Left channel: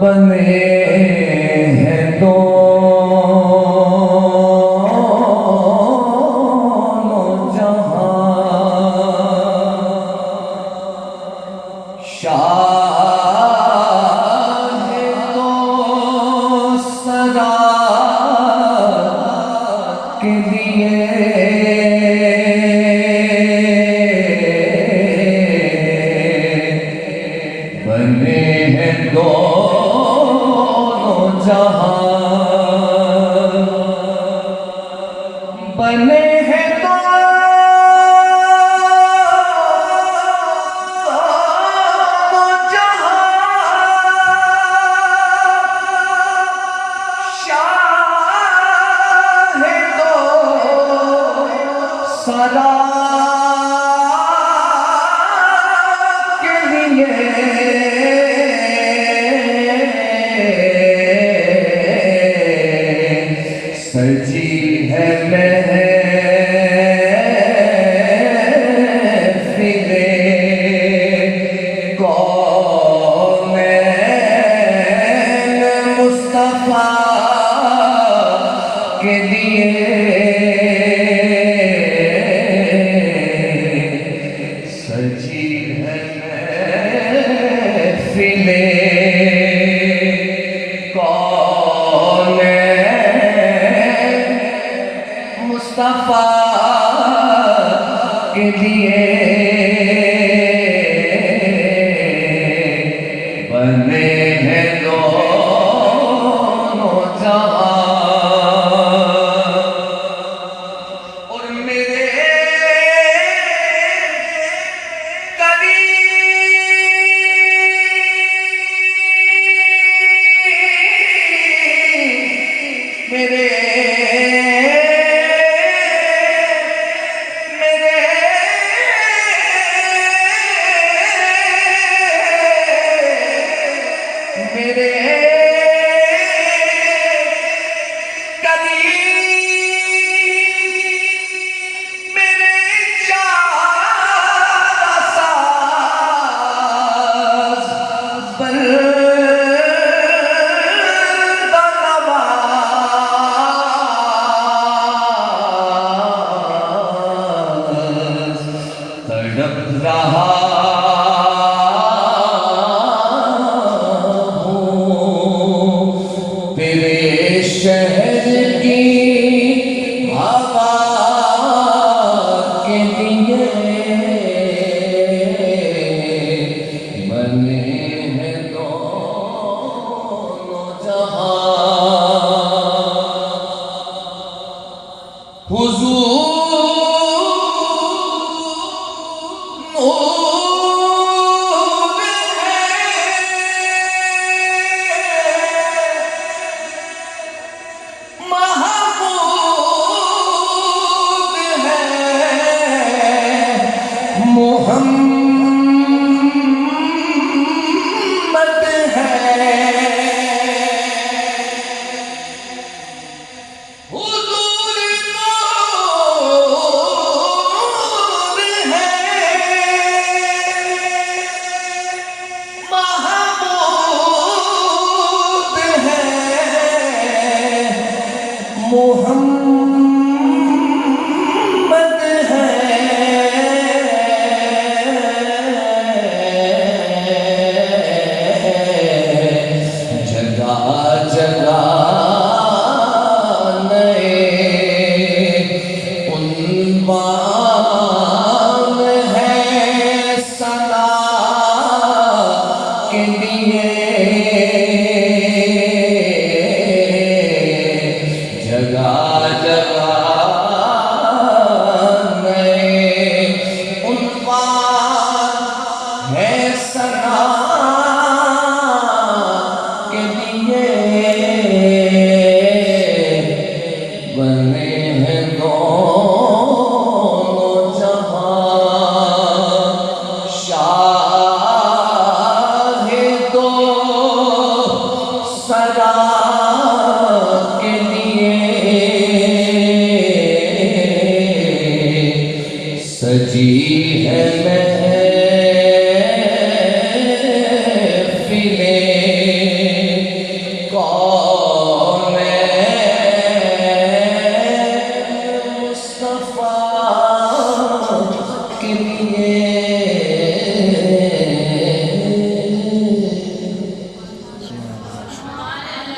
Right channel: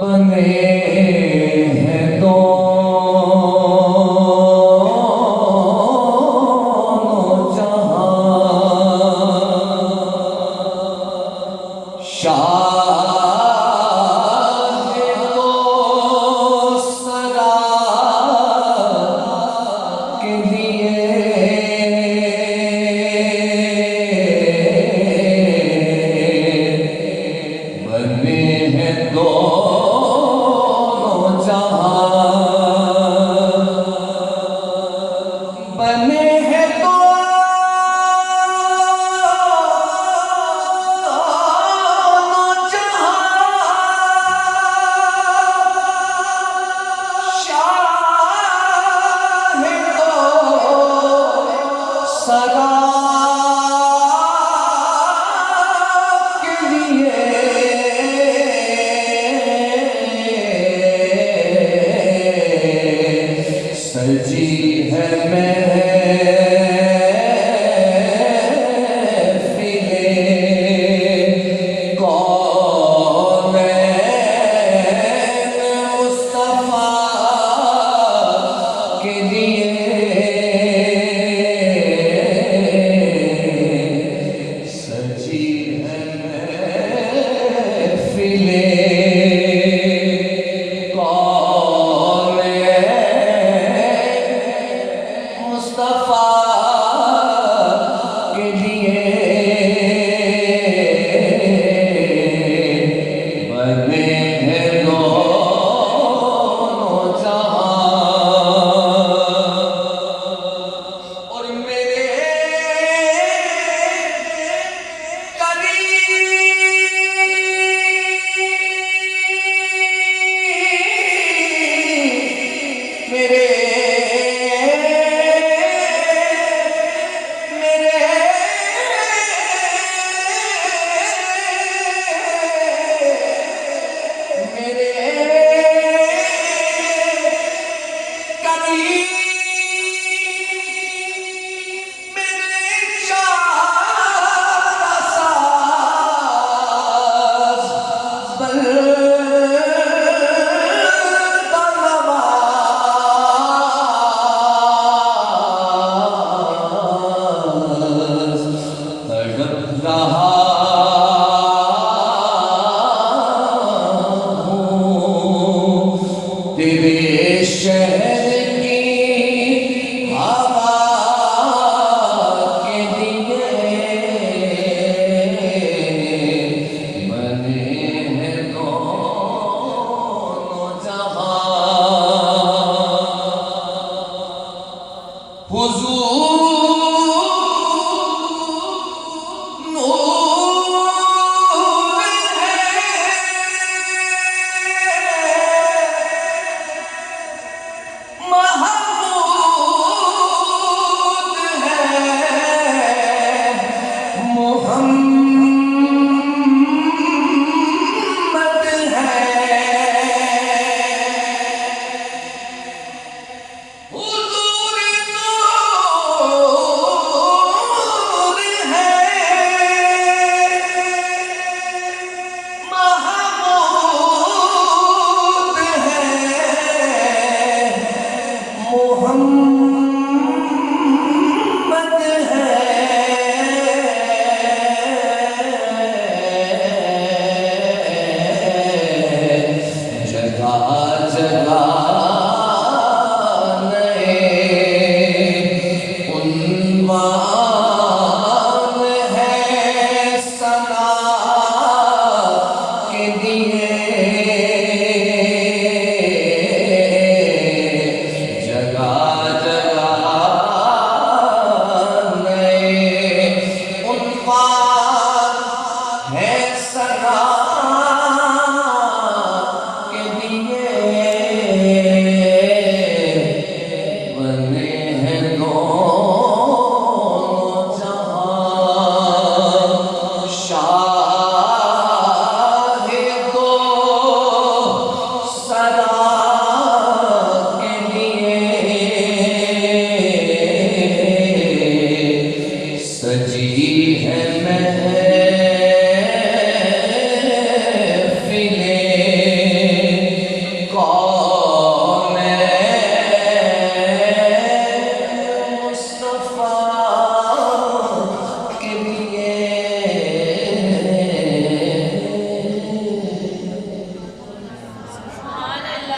बने हैं दोनों जहां, शाह तो सदा के लिए बने हैं दोनों जहां, बने हैं दोनों जहां, शाह तो सदा के लिए सजी है महफिले कौनैन मुस्तफा के लिए, सजी है महफिले मुस्तफा के लिए, बने हैं दोनों जहां। और मेरे करीब मेरे मेरे करीब मेरे चारा साज बलनवाज तड़प रहा तेरे शहर की हवा के लिए, बने हैं दोनों जहां। हुजूर है मैं